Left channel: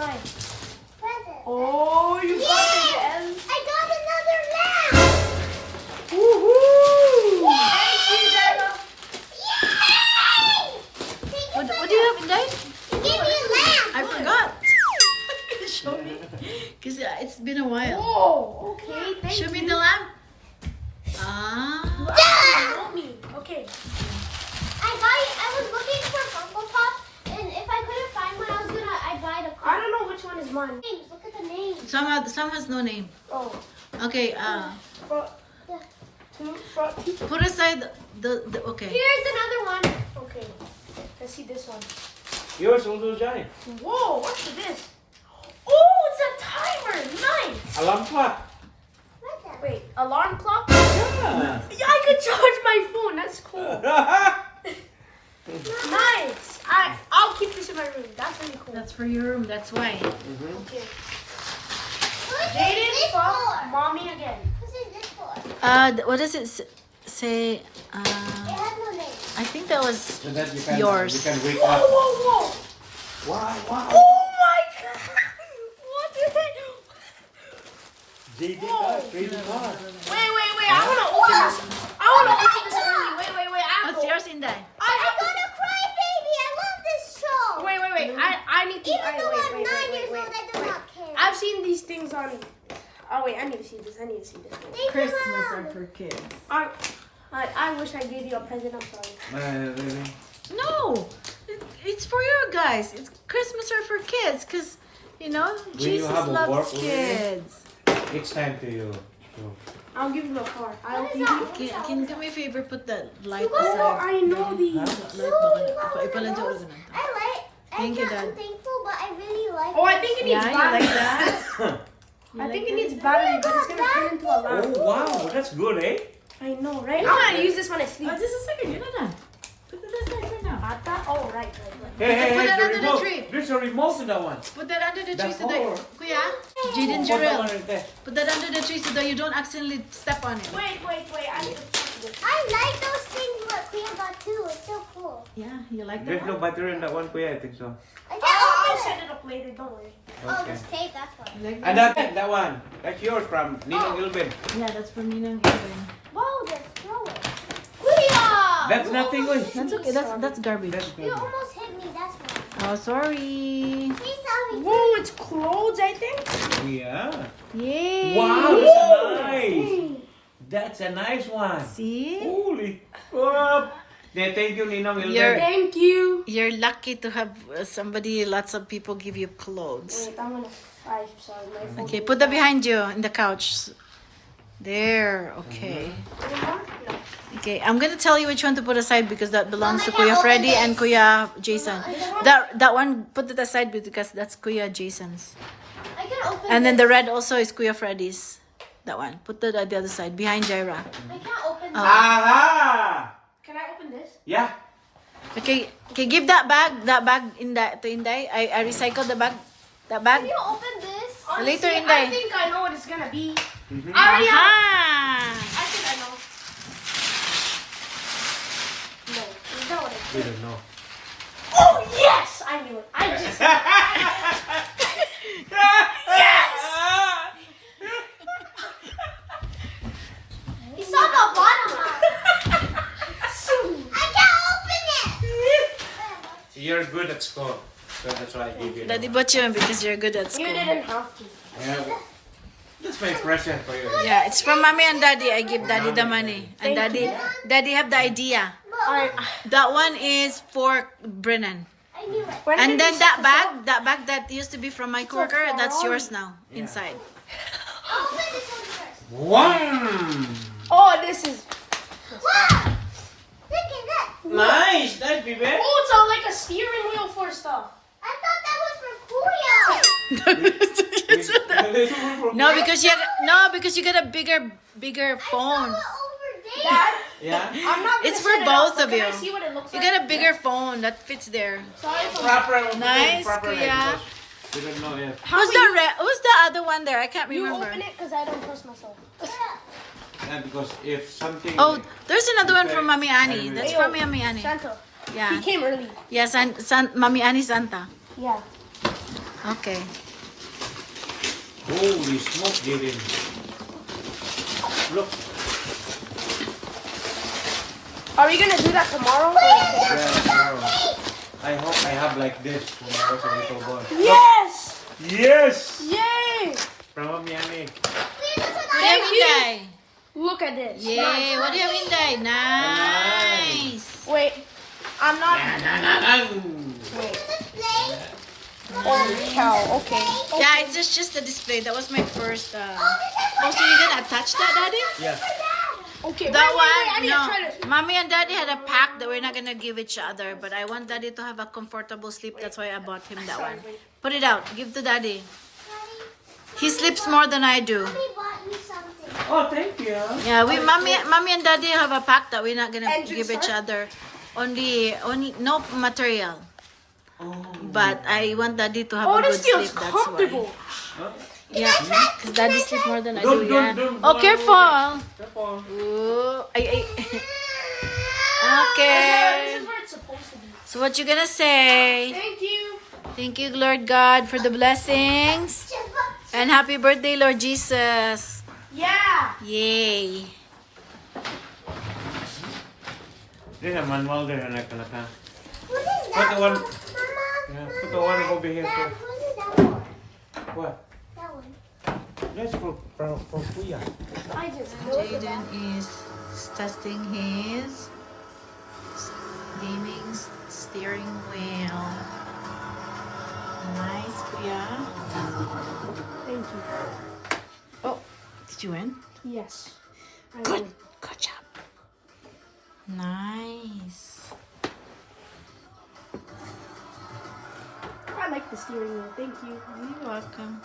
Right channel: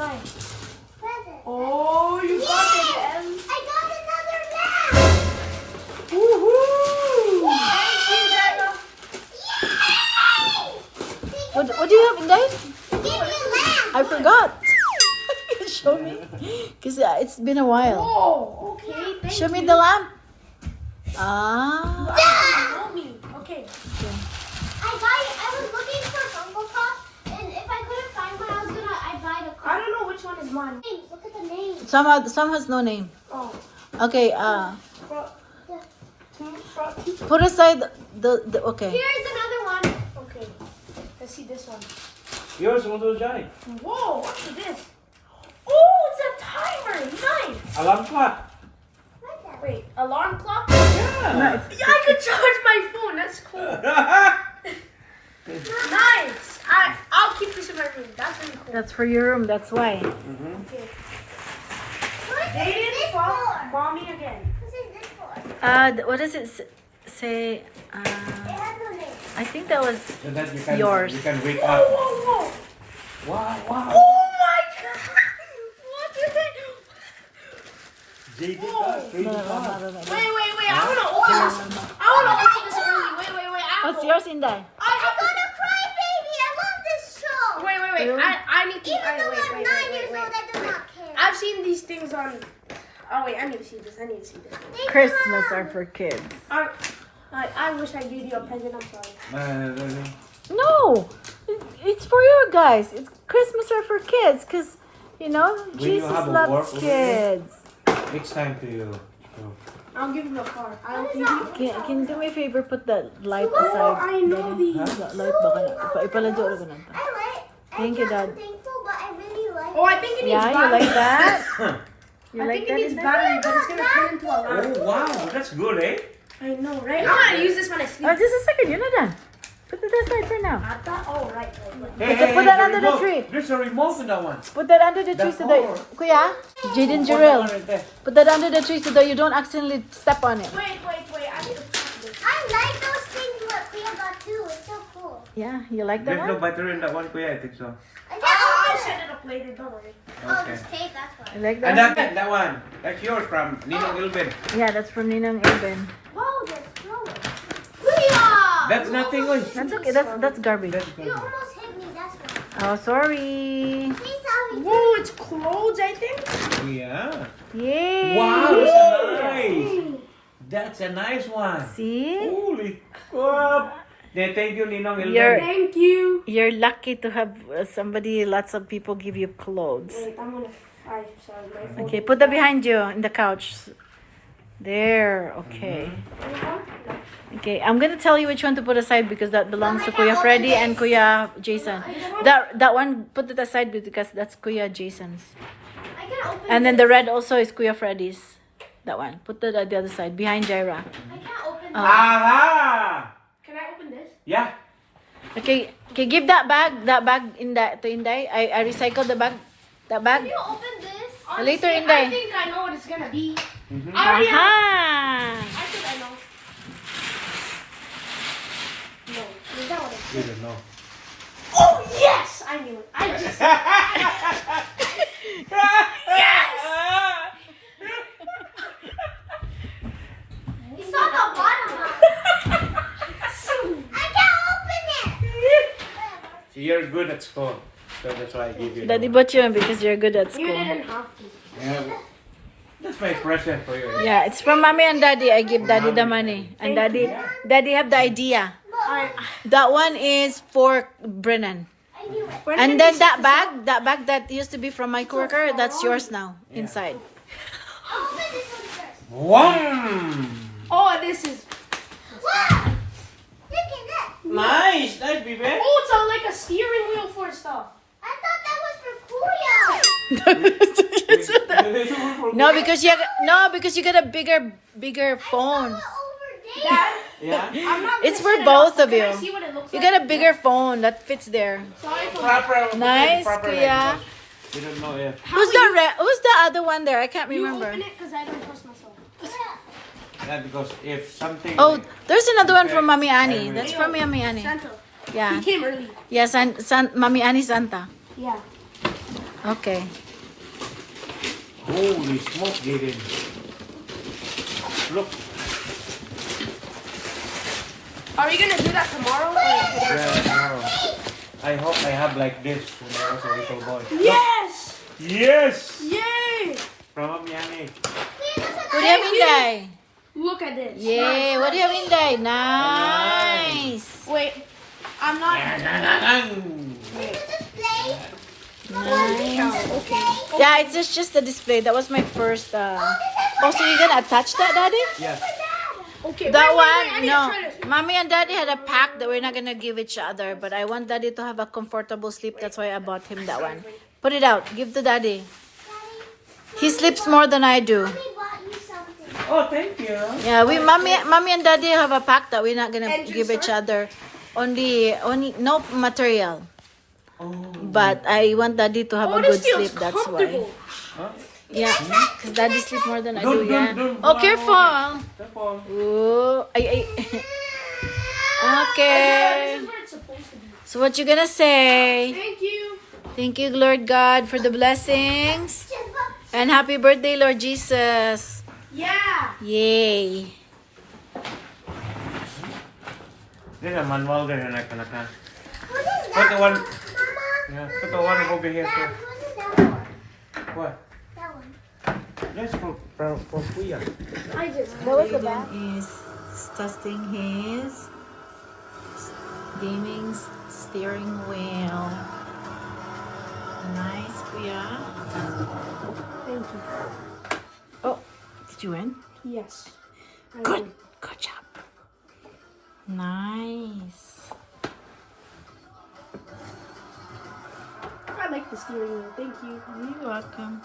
mine? Present. Oh, you got it again. I got another lamp. Woohoo! Thank you, Dada. Yay! What do you have in there? Give me a lamp. I forgot. Show me. Because it's been a while. Oh, okay. Thank Show you. me the lamp. Ah. Show me. Okay. I was looking for Funko Pops, and if I couldn't find one, I'd buy the I don't know which one is mine. names. Look at the names. Some has no name. Oh. Okay, Brought two. put aside the okay. Here's another one. Okay. Let's see this one. Yours also Johnny. Whoa, what's this? Oh, it's a timer. Nice. Alarm clock. What's that? Wait, alarm clock? Yeah. Yeah, I could charge my phone. That's cool. Nice. I'll keep this in my room. That's really cool. That's for your room. That's why. Okay. Who's Jaden this from for? mommy again. Who's this for? What does it say? It has no name. I think that was So that you can, Yours. You can wake Whoa, up. whoa, whoa. Wow, wow. Oh my god. What the heck? JD Whoa. got crazy car. Wait. I want to open this. I want to open this early. Wait. What's yours in there? I'm gonna cry, baby. I love this show. Wait. I need to. Even though I'm 9 wait. years old, I do not care. I've seen these things on. Oh wait, I need to see this. Thank you, Christmas Mom. are for kids. I wish I gave you a present. I'm sorry. Really? No, it's for you guys. It's Christmas are for kids, cause you know When you Jesus have a loves work over kids. It's time to you. I'll give you a card. I'll What is give you. that? Can you do me a favor? Put that light Oh, aside. I know these. Light ba ka na? Ipaladyo ka na. I like. Thank you, Dad. I'm thankful, but I really like. Oh, I think it needs Yeah, you battery. like that? You I like think it that? needs battery, but it's gonna turn into a Oh lamp. wow, that's good, eh? I know, right? I'm gonna use this when I sleep. Oh, just a second. You're not done. Put it aside for now. Ata? Oh, right. Put that the under the remote. tree. There's a remote in that one. Put that under the tree so that whole- Kuya, Jaden Put that Jarrell. one right there. Put that under the tree so that you don't accidentally step on it. Wait. I need to put this. I like those things what Kuya got too. It's so cool. Yeah, you like that There's no one? battery in that one, Kuya, I think so. I can't I'll open set it. it up later. Don't worry. Oh, Okay. this tape. That's why. You like And that? that one, that's yours from Nino Gilbin. Yeah, that's from Ninang Eben. Whoa, just throw it. Kuya! That's nothing, oy. That's okay. That's garbage. That's You good. almost hit me. That's why. Oh, sorry. Please tell me. Whoa, it's clothes, I think. Yeah. Yay! Wow, that's a nice. That's a nice one. See? Holy crap. Yeah, thank you, Ninong You're- Gilbin. Thank you. You're lucky to have somebody, lots of people give you clothes. Wait, I'm gonna. Sorry, my phone. Okay, put that behind you in the couch. There, okay. Okay, I'm gonna tell you which one to put aside because that belongs to Kuya Freddy and Kuya Jason. That one, put it aside because that's Kuya Jason's. I can open And then the red also is Kuya Freddy's. That one. Put it at the other side, behind Jaira. I can't open Aha! Can I open this? Yeah. Okay, give that bag in that to Inday. I recycled the bag. That bag. Can you open this? Later, I Inday. think I know what it's gonna be. Mhm. I already have. Aha! I think I know. No, is that what it is? We don't know. Oh yes, I knew it. I just. You saw the bottom one. I can't open it. You're good at school, so that's why I give you. Daddy bought you one because you're good at You school. didn't have to. Yeah, that's my present for you. Yeah, it's from mommy and daddy. I give daddy the money. And daddy have the idea. That one is for Brennan. I knew it. And then that bag that used to be from my coworker, that's yours now, inside. I'll open this one first. One. Oh, this is. Wow! Look at that. Nice, nice, baby. Oh, it's like a steering wheel for stuff. I thought that was for Kuya. No, because you got a bigger phone. Over there. Dad, Yeah. I'm not. It's gonna for set it both up, of but you. Can I see what it looks You like? got a bigger phone that fits there. Sorry for. Proper. Nice, proper Kuya. like this. You don't know yet. Who's the other one there? I can't You remember. open it because I don't trust myself. Not because if something. Oh, there's another one from Mommy Annie. That's from Mommy Annie. Santa. Yeah. He came early. Yeah, Mommy Annie Santa. Yeah. Okay. Holy smoke, Jaden. Look. Are we gonna do that tomorrow? Yeah, tomorrow. I hope I have like this when I was a little boy. Yes! Yes! Yay! From Yummy. What do you have, Inday? Look at this. Yay! What do you have, Inday? Nice. Wait, I'm not. Nice. Cow. Okay. Yeah, it's just the display. That was my first. Oh, so you're gonna attach that, Daddy? Yes. Okay. That wait, one, I need to no. try to- Mommy and Daddy had a pack that we're not gonna give each other, but I want Daddy to have a comfortable sleep. That's why I bought him that one. Put it out. Give to Daddy. He sleeps more than I do. He bought me something. Oh, thank you. Yeah, mommy and Daddy have a pack that we're not gonna And give each juicer? other. Only no material. Oh. But I want Daddy to have a good this feels sleep. That's why. comfortable. Huh? Yeah, because Daddy sleep more than I Don't, do. Yeah. don't, Oh, don't. careful. Careful. Ooh, ay. This Okay. is where it's supposed to be. So what you gonna say? Thank you. Thank you, Lord God, for the blessings. And happy birthday, Lord Jesus. Yeah. Yay. There's a manual there and I can What is Put that? the one. Mama? Yeah, put the one over here Dad, too. what is that for? What? That one. That's for Kuya. I just. Jaden is testing his gaming steering wheel. Nice, Kuya. Thank you. Oh, did you win? Yes. I Good. did. Good job. Nice. I like the steering wheel. Thank you. You're welcome.